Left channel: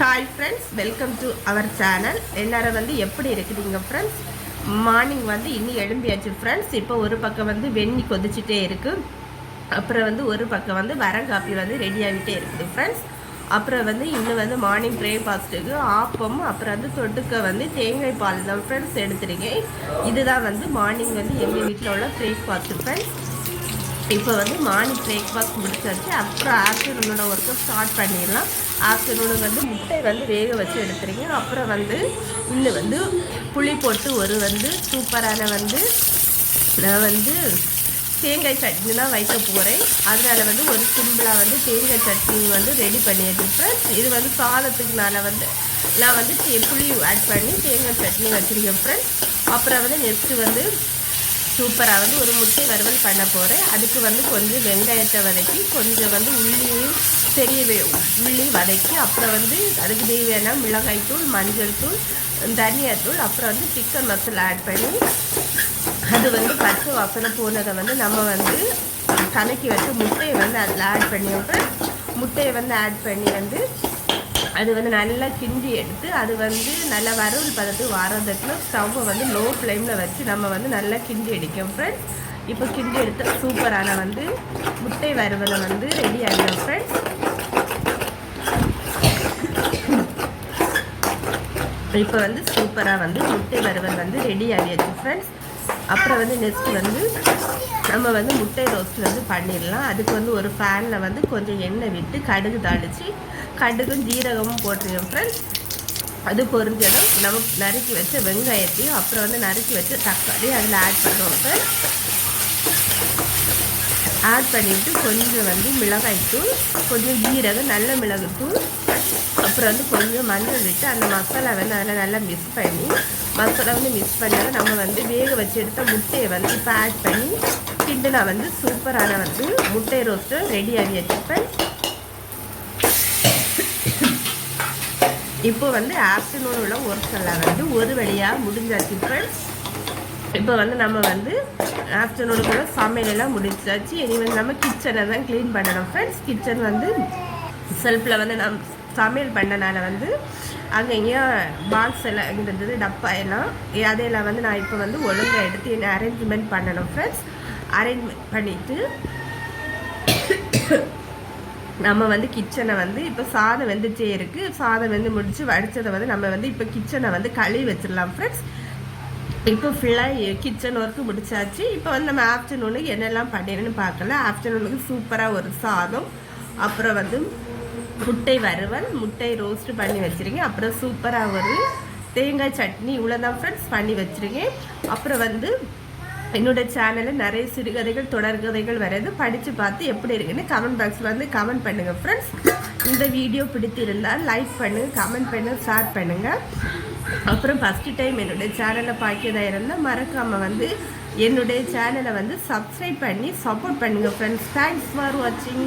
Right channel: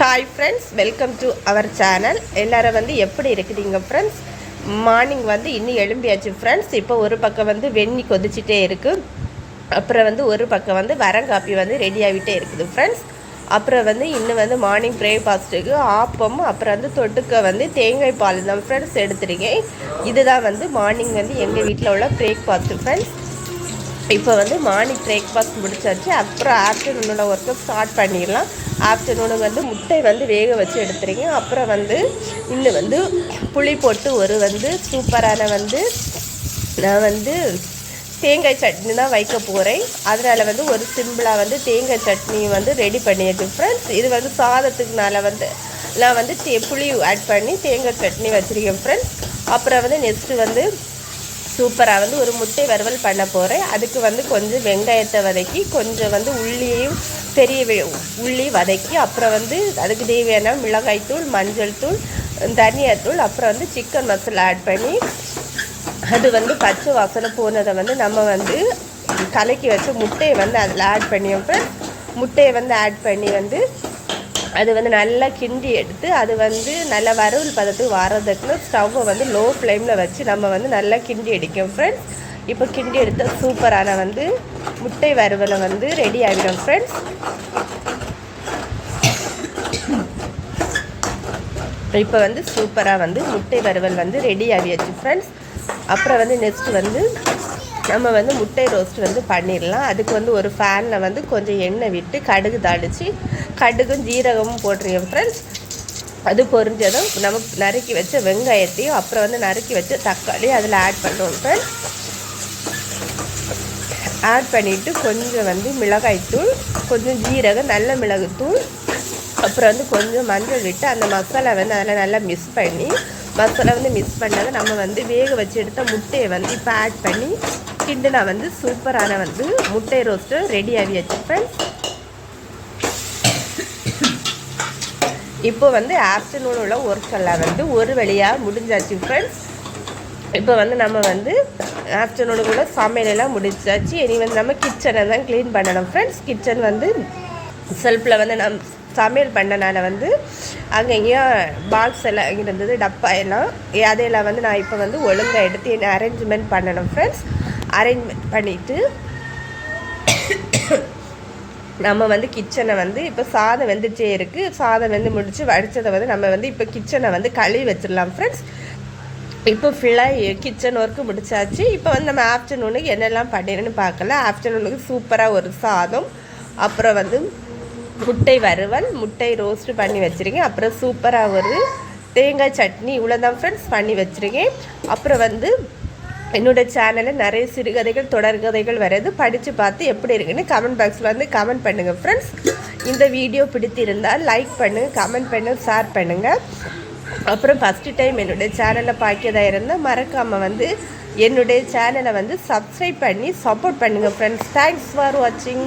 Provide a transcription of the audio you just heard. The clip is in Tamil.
Hi friends welcome to our channel எல்லோரும் வந்து எப்படி இருக்கிறீங்க ஃப்ரெண்ட்ஸ் மார்னிங் வந்து இன்னும் எழும்பியாச்சு ஃப்ரெண்ட்ஸ் இப்போ ஒரு பக்கம் வந்து வெண்ணி கொதிச்சிட்டே இருக்குது அப்புறம் வந்து ஒரு பக்கம் வந்து வரங்காப்பி வந்து ரெடி ஆகிட்டே இருக்குது ஃப்ரெண்ட்ஸ் அப்புறம் வந்து இன்னும் வந்து மார்னிங் பிரேக்ஃபாஸ்ட்டுக்கு ஆப்பம் அப்புறம் வந்து தொட்டுக்க வந்து தேங்காய் பால் தான் ஃப்ரெண்ட்ஸ் எடுத்துருக்கேன். இதுதான் வந்து மார்னிங் வந்து எங்கள் வீட்டில் உள்ள பிரேக்ஃபாஸ்ட்டு ஃப்ரெண்ட்ஸ் இப்போ வந்து மார்னிங் பிரேக்ஃபாஸ்ட் முடிச்சாச்சு. அப்புறம் ஆஃப்டர்நூனோட ஒர்க்கை ஸ்டார்ட் பண்ணிடலாம். ஆஃப்டர்நூனுக்கு வந்து முட்டை வந்து வேக வச்சு எடுத்துருக்கேன் அப்புறம் வந்து இன்னும் வந்து புளி போட்டு ஒரு வந்து சூப்பரான வந்து நான் வந்து தேங்காய் சட்னி தான் வைக்க போகிறேன் அதனால் வந்து ஒரு சிம்பிளாக வந்து தேங்காய் சட்னி வந்து ரெடி பண்ணியிருக்கேன் ஃப்ரெண்ட்ஸ் இது வந்து சாதத்துக்குனால வந்து நான் வந்து தே புளி ஆட் பண்ணி தேங்காய் சட்னி வச்சுருக்கேன் ஃப்ரெண்ட்ஸ் அப்புறம் வந்து நெக்ஸ்ட்டு வந்து சூப்பராக வந்து ஒரு முட்டை வறுவல் பண்ண போகிறேன் அதுக்கு வந்து கொஞ்சம் வெங்காயத்தை வதக்கி கொஞ்சம் வந்து உள்ளியும் பெரிய உள்ளி வதக்கி அப்புறம் வந்து அதுக்கு தேவையான மிளகாய் தூள் மஞ்சள் தூள் தனியாத்தூள் அப்புறம் வந்து சிக்கன் மசாலா ஆட் பண்ணி அது வந்து பச்சை வாசனை போனதை வந்து நம்ம வந்து கலக்கி வச்சு முட்டையை வந்து அதில் ஆட் பண்ணிட்டு முட்டையை வந்து ஆட் பண்ணி வந்து அது வந்து நல்லா கிண்டி எடுத்து அது வந்து நல்லா வறுவல் பதத்துக்கு வரதுக்கு ஸ்டவ்வை வந்து லோ ஃப்ளேமில் வச்சு நம்ம வந்து நல்லா கிண்டி அடிக்கும் ஃப்ரெண்ட்ஸ் இப்போ கிண்டி எடுத்தால் சூப்பரான வந்து முட்டை வறுவலை வந்து ரெடி ஆகிடும் ஃப்ரெண்ட்ஸ் இப்போ வந்து சூப்பராக வந்து முட்டை வறுவல் வந்து ரெடி ஆகியாச்சு ஃப்ரெண்ட்ஸ் அப்புறம் வந்து நெக்ஸ்ட் வந்து நம்ம வந்து முட்டை ரோஸ்ட் வந்து பண்ணிடலாம். அதுக்கு வந்து ஒரு ஃபேனில் வந்து கொஞ்சம் எண்ணெய் விட்டு கடுகு தாளித்து கடுகும் ஜீரகமும் போட்டுருங்க ஃப்ரெண்ட்ஸ் அது பொரிஞ்சதும் நம்ம நறுக்கி வச்ச வெங்காயத்தையும் அப்புறம் வந்து நறுக்கி வச்ச தக்காளி அதில் ஆட் பண்ணுவோம் சார் ஆட் பண்ணிவிட்டு கொஞ்சம் வந்து மிளகாய்த்தூள் கொஞ்சம் ஜீரகம் நல்ல மிளகுத்தூள் அப்புறம் வந்து கொஞ்சம் மஞ்சள் விட்டு அந்த மசாலா வந்து அதில் நல்லா மிக்ஸ் பண்ணி மசாலா வந்து மிக்ஸ் பண்ணதை நம்ம வந்து வேக வச்சு எடுத்த முட்டையை வந்து இப்போ ஆட் பண்ணி கிண்டுனா வந்து சூப்பரான வந்து முட்டை ரோஸ்ட்டு ரெடி ஆகி வச்சுருப்பேன். இப்போ வந்து ஆஃப்டர்நூன் உள்ள ஒர்க் எல்லாம் வந்து ஒரு வழியாக முடிஞ்சாச்சு ஃப்ரெண்ட்ஸ் இப்போ வந்து நம்ம வந்து ஆஃப்டர்நூனுக்குள்ள சமையலெல்லாம் முடிஞ்சாச்சு. இனி வந்து நம்ம கிச்சனை தான் க்ளீன் பண்ணணும் ஃப்ரெண்ட்ஸ் கிச்சன் வந்து செல்ஃபில் வந்து நம் சமையல் பண்ணனால வந்து அங்கே எங்கேயோ பாக்ஸ் எல்லாம் இருந்தது டப்பா எல்லாம் அதையெல்லாம் வந்து நான் இப்போ வந்து ஒழுங்காக எடுத்து என்ன அரேஞ்ச்மெண்ட் பண்ணணும் ஃப்ரெண்ட்ஸ் அரேஞ்ச்மெண்ட் பண்ணிவிட்டு நம்ம வந்து கிச்சனை வந்து இப்போ சாதம் வெந்துட்டே இருக்குது சாதம் வெந்து முடித்து வடித்ததை வந்து நம்ம வந்து இப்போ கிச்சனை வந்து கழுவி வச்சிடலாம் ஃப்ரெண்ட்ஸ் இப்போ ஃபுல்லாக கிச்சன் ஒர்க்கு முடிச்சாச்சு. இப்போ வந்து நம்ம ஆஃப்டர்நூனுக்கு என்னெல்லாம் பண்ணிடுன்னு பார்க்கல. ஆஃப்டர்நூனுக்கு சூப்பராக ஒரு சாதம் அப்புறம் வந்து முட்டை வறுவல் முட்டை ரோஸ்ட் பண்ணி வச்சுருக்கேன். அப்புறம் சூப்பராக ஒரு தேங்காய் சட்னி இவ்வளோ தான் ஃப்ரெண்ட்ஸ் பண்ணி வச்சுருக்கேன். அப்புறம் வந்து என்னோட சேனலில் நிறைய சிறுகதைகள் தொடர்கதைகள் வர்றது. படித்து பார்த்து எப்படி இருக்குன்னு கமெண்ட் பாக்ஸில் வந்து கமெண்ட் பண்ணுங்கள் ஃப்ரெண்ட்ஸ் இந்த வீடியோ பிடித்திருந்தால் லைக் பண்ணுங்கள் கமெண்ட் பண்ணுங்கள் ஷேர் பண்ணுங்கள் அப்புறம் ஃபஸ்ட்டு டைம் என்னுடைய சேனலை பார்க்கறதா இருந்தால் மறக்காமல் வந்து என்னுடைய சேனலை வந்து சப்ஸ்கிரைப் பண்ணி சப்போர்ட் பண்ணுங்கள் ஃப்ரெண்ட்ஸ் தேங்க்ஸ் ஃபார் வாட்சிங்